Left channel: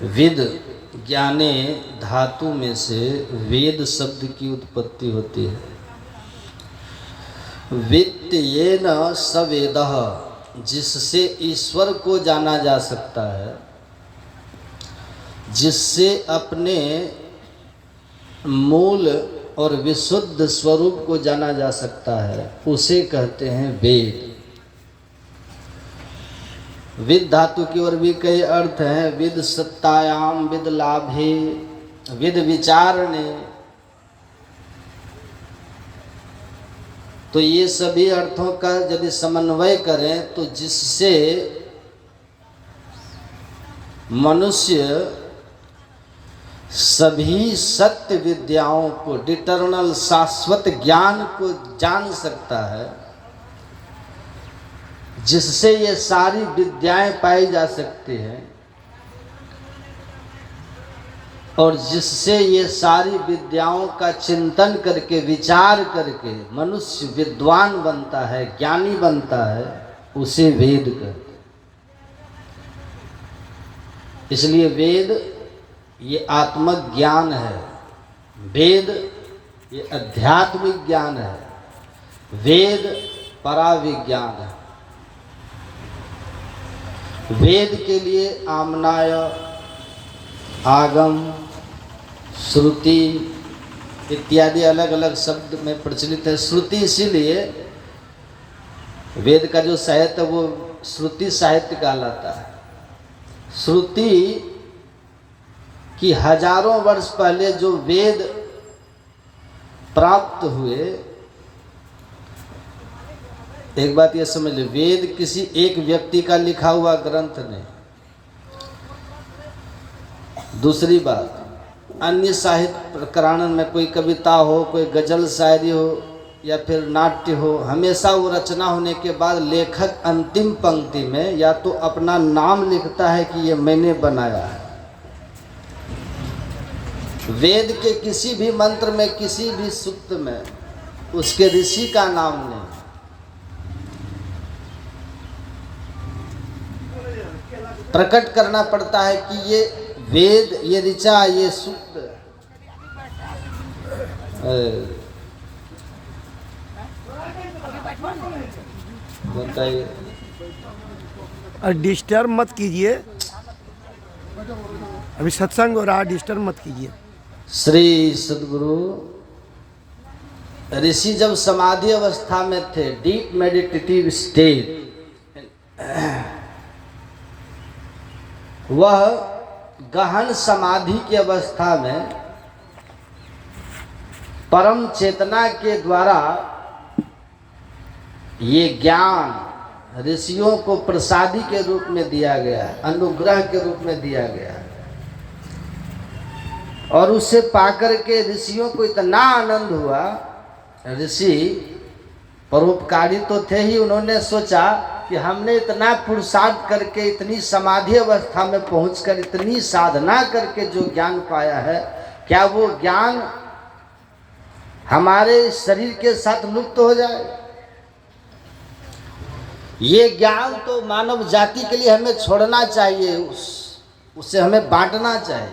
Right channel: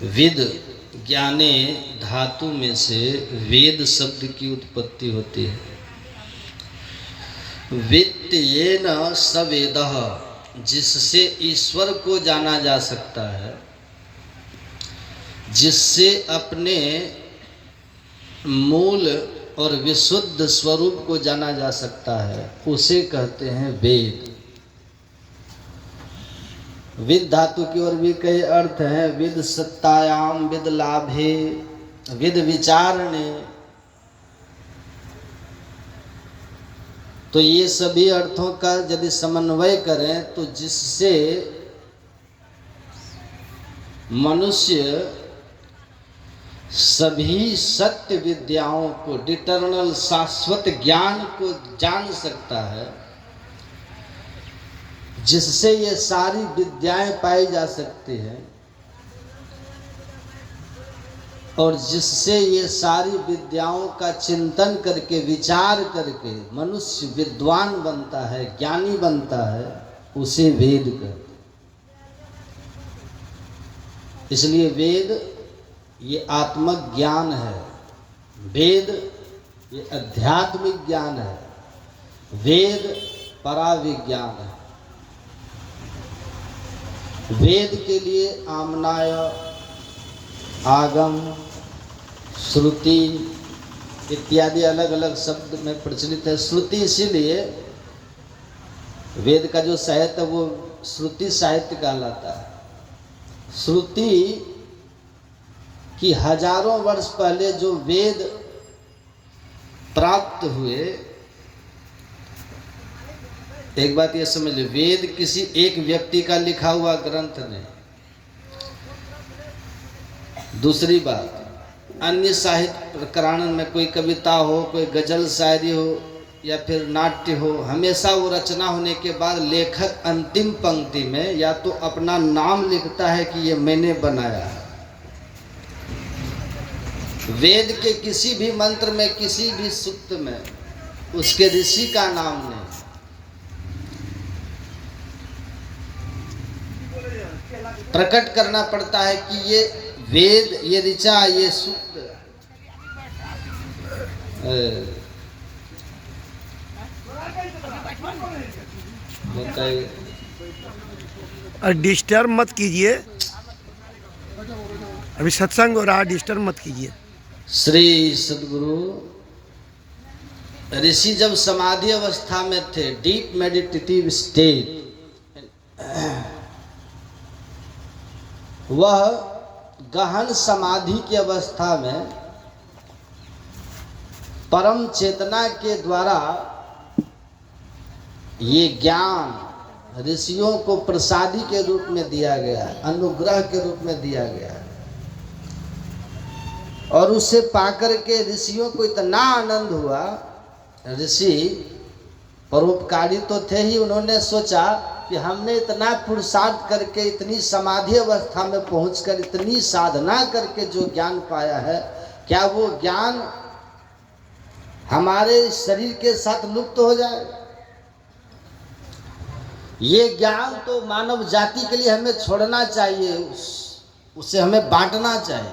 With ज्ञाने धातु में से वेद शब्द की उत्पत्ति होती है। वित्तेन सवेदः, जिससे ईश्वर को जाना जा सकता है, जिससे अपने मूल और विशुद्ध स्वरूप को जाना जा सकता है, उसे कहते हैं वेद। विद धातु की ओर भी कई अर्थ हैं। विद सत्तायाम, विद लाभे, विद विचारणे। तो ये सभी अर्थों का यदि समन्वय करें तो जिससे मनुष्य सभी सत्य विद्याओं को, डिटर्नल शाश्वत ज्ञान को जान सकता है, जिससे ये सारी विद्याएं पाई जा सकती हैं और जिससे ये सारी विद्याओं का चिंतन करके, विचार करके मनुष्य विद्वान बनता है, ज्ञानी बनता है, उसे वेद कहते हैं। इसलिए वेद ये आत्मक ज्ञान है, वेद ये आध्यात्मिक ज्ञान है, वेद पराविज्ञान है। वेद के लिए आमनाय, आगम, श्रुति इत्यादि अलग अलग शब्द में प्रचलित है। श्रुति इसीलिए वेद का जो साहित्य वो श्रुति साहित्य कहलाता है। श्रुति कि हजारों वर्ष पहले जो वेद प्राप्त हुए, एक बात ये समझ लीजिए, वेद किसी एक व्यक्ति का लिखा हुआ ग्रंथ नहीं। दूसरी बात, अन्य साहित्य प्रकरण में कोई कविता हो, कोई गजल शायरी हो या फिर नाट्य हो, हमेशा वो रचना होने के बाद लेखक अंतिम पंक्ति में या तो अपना नाम लिखता है कि ये मैंने बनाया है। वेद के किसी भी मंत्र में, किसी भी सूक्त में उसके ऋषि का नाम नहीं। प्रकट करना पड़ता है कि ये वेद, ये ऋचा, ये सूक्त। और डिस्टर्ब मत कीजिए, अभी सत्संग हो रहा है, डिस्टर्ब मत कीजिए। श्री सद्गुरु ऋषि जब समाधि अवस्था में थे, डीप मेडिटेटिव स्टेट, वह गहन समाधि की अवस्था में परम चेतना के द्वारा ये ज्ञान ऋषियों को प्रसादी के रूप में दिया गया है, अनुग्रह के रूप में दिया गया है। और उसे पाकर के ऋषियों को इतना आनंद हुआ, ऋषि परोपकारी तो थे ही, उन्होंने सोचा कि हमने इतना पुरुषार्थ करके, इतनी समाधि अवस्था में पहुंचकर, इतनी साधना करके जो ज्ञान पाया है, क्या वो ज्ञान हमारे शरीर के साथ लुप्त हो जाए? ये ज्ञान तो मानव जाति के लिए हमें छोड़ना चाहिए, उसे हमें बांटना चाहिए।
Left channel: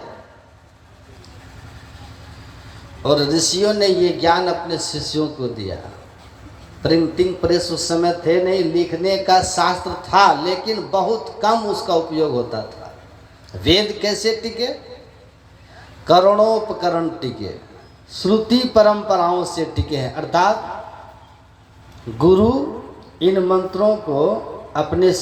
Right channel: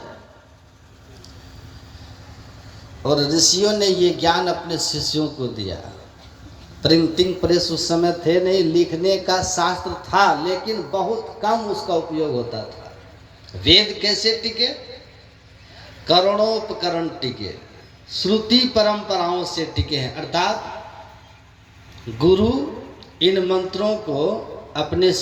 और ऋषियों ने ये ज्ञान अपने शिष्यों को दिया। प्रिंटिंग प्रेस उस समय थे नहीं, लिखने का शास्त्र था लेकिन बहुत कम उसका उपयोग होता था। वेद कैसे टिके? करणोपकरण टिके, श्रुति परंपराओं से टिके हैं। अर्थात गुरु इन मंत्रों को अपने